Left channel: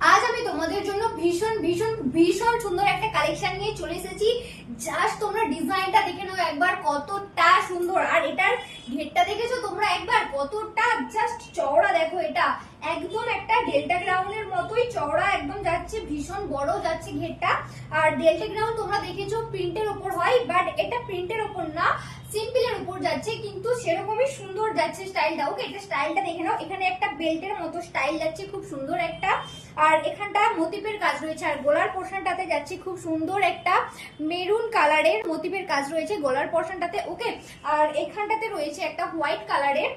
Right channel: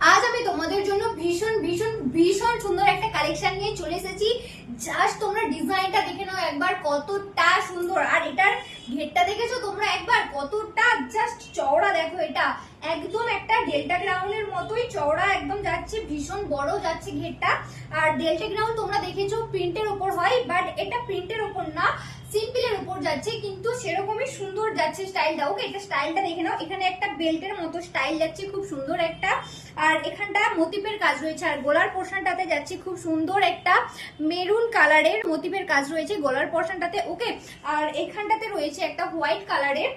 আজ আমি তোমাদের জন্য ভীষণ ভীষণ ভীষণ সুন্দর একটা কালেকশন নিয়ে চলে এসেছি। জাস্ট তোমরা ডিজাইনটা দেখে নাও একবার, কতটা সুন্দর। আর এটার ঘেরটা দেখেছো তোমরা একবার, কতটা জাস্ট চওড়া দেখো। এটা একদম একটা ডেল্টা গ্রাউন্ডের মতোই চওড়া একদম যাচ্ছে, ভীষণ বড় যাচ্ছে ঘেরটা। আর ডেল্টা গ্রাউন্ড তোমরা দেখেছো প্রিন্টের উপর হয়, বাট এটা প্রিন্টের উপর না, সিম্পলের উপর যাচ্ছে, কিন্তু সেরকমই সুন্দর যাচ্ছে স্টাইলটা। ওকে, এটা স্টাইলটা দেখে নাও। এখানে একটা বেল্টের মতো স্টাইল যাচ্ছে, খুব সুন্দর একটা। আর এখানটা মোটিভের কাজ রয়েছে, আর গলার পোর্শনটাতে যাচ্ছে খুব সুন্দর একটা মেরুন কালারের মোটিভের কাজ রয়েছে গলার পোর্শনটাতে। ওকে, আর এখানটাতে রয়েছে একটা হোয়াইট কালারের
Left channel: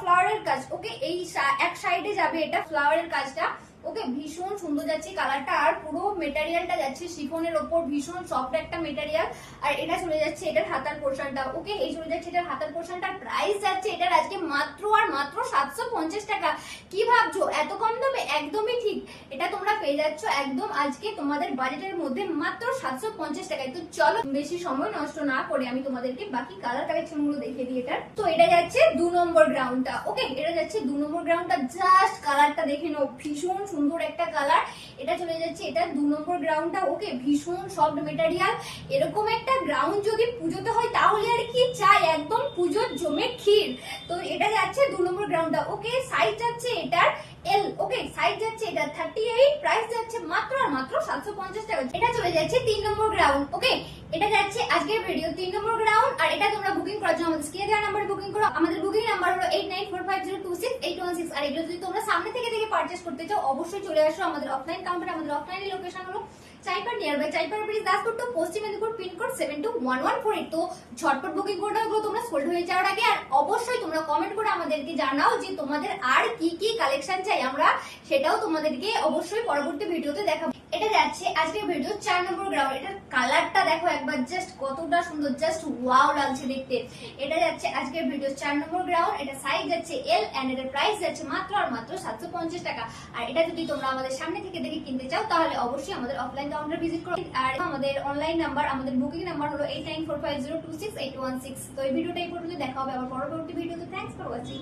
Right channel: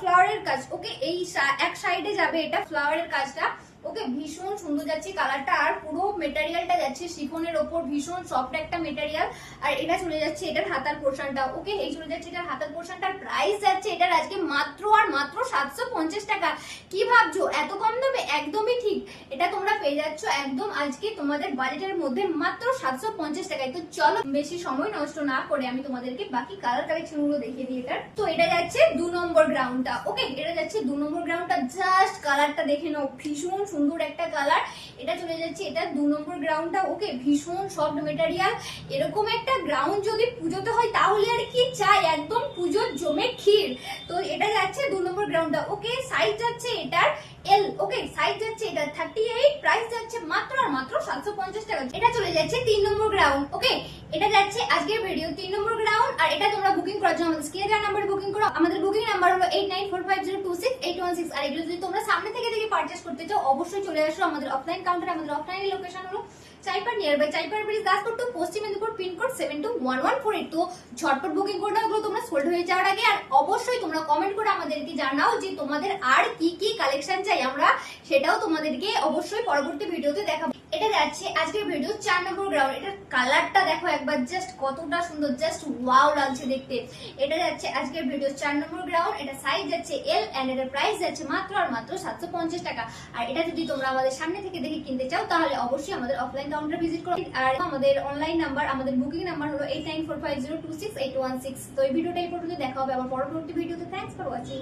ফ্লাওয়ারের কাজ। ওকে, এই এক সাইডে যাবে এটা ফ্লাওয়ারের কাজটা। ওকে, ভীষণ সুন্দর যাচ্ছে কালারটা। আর পুরো মেটেরিয়ালটা যাচ্ছে শিফনের ওপর, ভীষণ সফট একটা মেটেরিয়াল। আর এটা চলে যাচ্ছে এটার হাতার পোর্শনটা। ওকে, এই চলে যাচ্ছে এটার হাতার পোর্শনটার প্রাইস যাচ্ছে এটার আজকে মাত্র আর মাত্র 750 টাকা। কি ভাবছো এত কম দামে? একদমই ঠিক, এটা তোমরা পেয়ে যাচ্ছ একদম আজকে তোমাদের বাজেটের মধ্যে মাত্র 750 টাকায়। তো চলো বেশি সময় নষ্ট না করে আমি তোমাদেরকে বাকি কালার কালেকশন গুলো দেখিয়ে দিই এটার। তো এটা যাচ্ছে 2 নম্বর গ্রাউন্ডটা। ওকে, এটা যাচ্ছে 2 নম্বর গ্রাউন্ডটা। জাস্ট কালারটা দেখে নাও, ভীষণ সুন্দর একটা কালার। এটা চলে যাচ্ছে এটা 2 নম্বর গ্রাউন্ডটা। ওকে, ভীষণ সফট মেটেরিয়াল। এরকম একটা গ্রাউন্ড যদি পুজোতে হয় তাহলে আর কি চাই, একদম পুজোর জমে ক্ষীর। তো এটা যাচ্ছে 2 নম্বর গ্রাউন্ডটা। ওকে, সাইজ যাচ্ছে এটার এল। ওকে, সাইজ যাচ্ছে এটা 38, প্রাইস যাচ্ছে মাত্র আর মাত্র 750 টাকা। এটা চলে যাচ্ছে 3 নম্বর গ্রাউন্ড। ওকে, এটা যাচ্ছে আজকের ভিডিও 3 নম্বর গ্রাউন্ড। আর এটা তোমরা বুকিং করার জন্য আমাদের স্ক্রিনে দেওয়া নাম্বারে বুকিং করো। আমাদের বুকিং নাম্বার হলো 8945026816। আর এগুলো যদি তোমরা সামনে থেকে দেখে পারচেজ করতে চাও অবশ্যই চলে আসো আমাদের অফলাইন কাউন্টারে। আমাদের অফলাইন লোকেশন হলো Chaipar, near by Chaipar bridge, Daspur two Paschim Medinipur, pin code 721148। তো ঝটপট বুকিং করে দাও এগুলো তোমরা সোল্ড হয়ে যাওয়ার আগে। আর অবশ্যই তোমরা কমেন্ট করে আমাদেরকে জানাও যে তোমাদের আর কি কি কালেকশন চাই, আমরা সেটাও তোমাদেরকে অবশ্যই পরবর্তী ভিডিওতে দেখাবো। এটা যাচ্ছে আজকের ভিডিও 4 নম্বর গ্রাউন্ড। এটার কালারটা দেখো একবার, জাস্ট কতটা সুন্দর, জাস্ট ওয়াও লাগছে দেখতে। এটা যাচ্ছে আজকের ভিডিও 4 নম্বর গ্রাউন্ড। এটা সাইজ যাচ্ছে এল এন্ড এর প্রাইস যাচ্ছে মাত্র আর মাত্র 750 টাকা। আর এটা যদি তোমরা আমাদের সামনে থেকে দেখে কিনতে চাও তাহলে অবশ্যই আমাদের অফলাইন কাউন্টার ভিজিট করো। আর আমাদের অনলাইন নাম্বার, আমাদের বুকিং নাম্বার হলো 8945026816। তো এই ভিডিওটা এই পর্যন্ত দেখা হবে আমার পরবর্তী ভিডিওতে। Thanks for watching.